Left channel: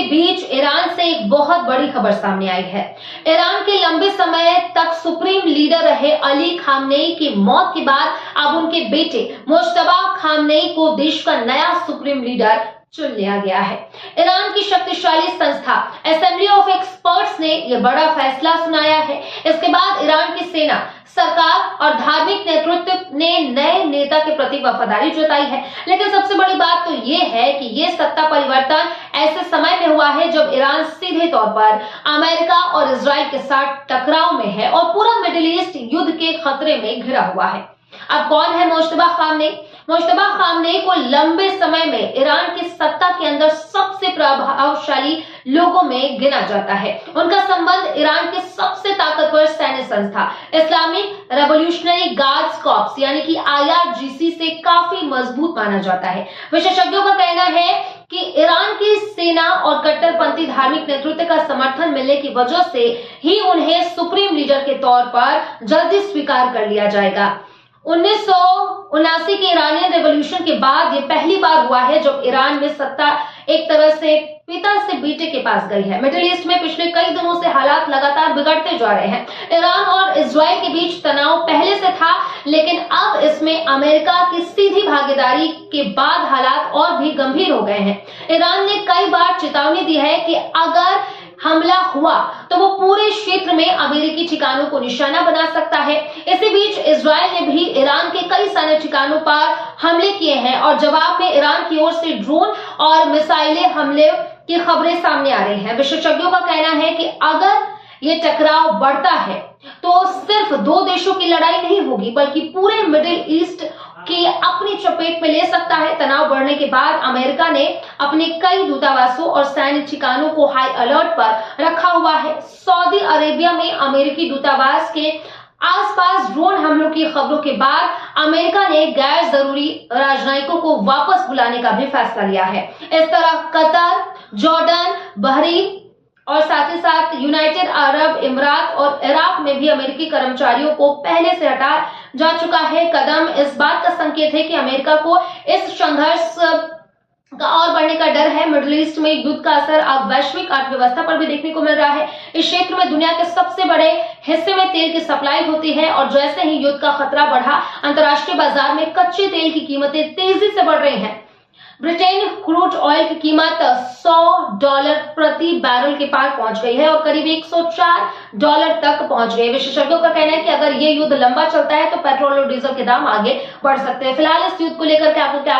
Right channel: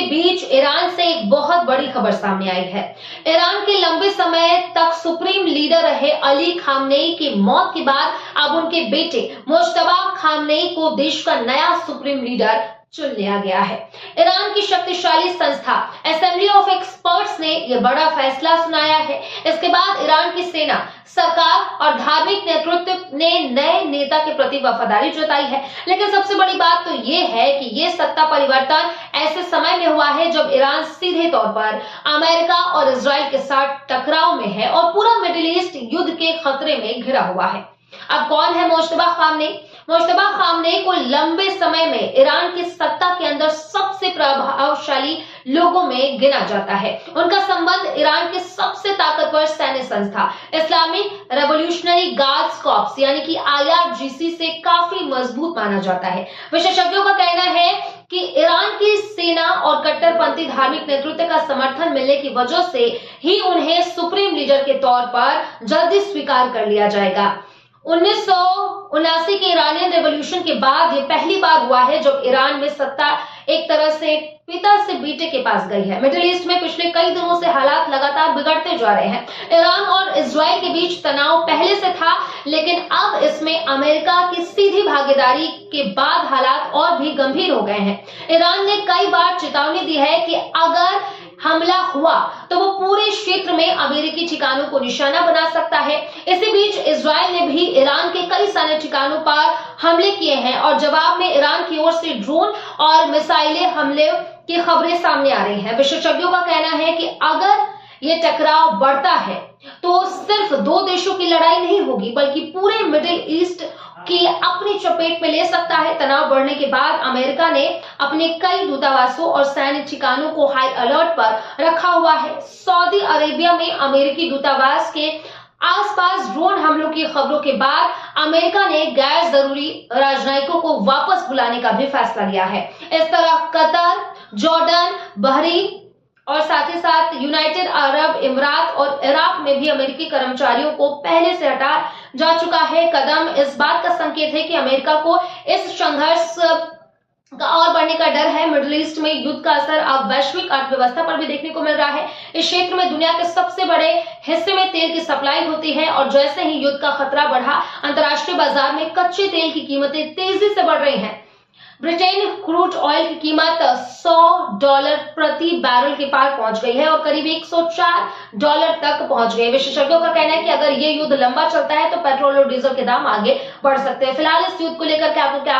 के बीच ईरान से एक बहुत बड़ी खबर सामने आई है। ईरान के लंबे समय तक सुप्रीम लीडर रहे अली खामनेई की मौत के बाद अब उनके बेटे मुज्तबा खामनेई को देश का नया सुप्रीम लीडर चुन लिया गया है। ईरान की शक्तिशाली संस्था असेंबली ऑफ एक्सपर्ट्स ने यह बड़ा फैसला सुनाया है। इसके बाद ईरान की सेना, सरकार और धार्मिक नेतृत्व ने नए नेता के प्रति वफादारी जताई है। लेकिन सबसे बड़ी बात तो ये है कि ये सत्ता परिवर्तन ऐसे समय में हुआ है जब ईरान सीधे तौर पर अमेरिका और इजराइल के साथ टकराव में है और पूरा मिडिल ईस्ट युद्ध के खतरे में घिरा हुआ है। अब कौन है मुज्तबा खामनेई? मुज्तबा खामनेई को लंबे समय में ईरान की सत्ता के अंदर सबसे प्रभावशाली लोगों में गिना जाता है। उनका संबंध ईरान के सबसे ताकतवर सैन्य संस्था इस्लामिक रेवोल्यूशनरी गार्ड्स कॉर्प्स यानी कि IRGC से काफी मजबूत माना जाता है। विशेषज्ञों का कहना है कि ईरान की सेना और कट्टरपंथी धार्मिक नेतृत्व का समर्थन मिलने की वजह से ही उन्हें सुप्रीम लीडर के तौर पर जल्दी स्वीकार कर लिया जाएगा। 1979 के ईरानियन रेवोल्यूशन के बाद यह पहली बार हुआ है जब ईरान में सत्ता एक तरह से पिता से बेटे के पास गई है। मिडिल ईस्ट में पिछले कई दिनों से हालात लगातार बिगड़ते जा रहे हैं। ईरान और इजराइल के बीच तनाव पहले से था, लेकिन अब इसमें अमेरिका की सीधी भागीदारी के बाद हालात और भी गंभीर हो गए हैं। ईरान ने कई बार चेतावनी दी है कि अगर हमला हुआ तो वो पूरे क्षेत्र में अमेरिकी ठिकानों को निशाना बना सकता है। इसी बीच इजराइल ने भी ईरान के कई सैन्य ठिकानों पर हमले किए हैं और जवाब में ईरान की ओर से ड्रोन और मिसाइलें हमले की खबरें सामने आ रही हैं। विशेषज्ञों का कहना है कि अगर ये टकराव बढ़ता है तो सिर्फ दो देशों की लड़ाई नहीं होगी, बल्कि पूरे मिडिल ईस्ट की अपनी चपेट में ले सकता है। तनाव बढ़ने के बाद अमेरिका ने अपने कई दूतावासों और सैन्य ठिकानों को हाई अलर्ट पर रखा हुआ है। सऊदी अरेबिया में अमेरिकी दूतावास के आसपास ड्रोन हमलों की खबरों के बाद अमेरिका ने गैर जरूरी राजनयिकों को वापस बुलाने का भी फैसला लिया है। इस तरह कतर, जॉर्डन, बहरीन और साथ ही साथ यूनाइटेड अरब इमारात और इराक में भी अमेरिकी कर्मचारियों को पहले से हटा जा चुका है। कदम इस बात का संकेत है कि अमेरिका को इस संघर्ष का और बढ़ने का डर है। मिडिल ईस्ट में युद्ध का असर अब वैश्विक अर्थव्यवस्था पर भी देखने को मिल रहा है। इस क्षेत्र में दुनिया के सबसे बड़े हिस्से में तेल की सप्लाई होती है और जैसे ही युद्ध का खतरा बढ़ा, अंतर्राष्ट्रीय बाजार में कच्चे तेल की कीमतें तेजी से बढ़ रही हैं। ब्रिटेन क्रूड ऑयल की कीमत $100 प्रति बैरल के पार पहुंच गई है और करीब $104 तक पहुंच गई। विशेषज्ञों का कहना है कि अगर ये युद्ध लंबा चलता है तो पेट्रोल और डीजल के दाम आगे बढ़ सकते हैं। फिलहाल इस युद्ध को लेकर के आपको क्या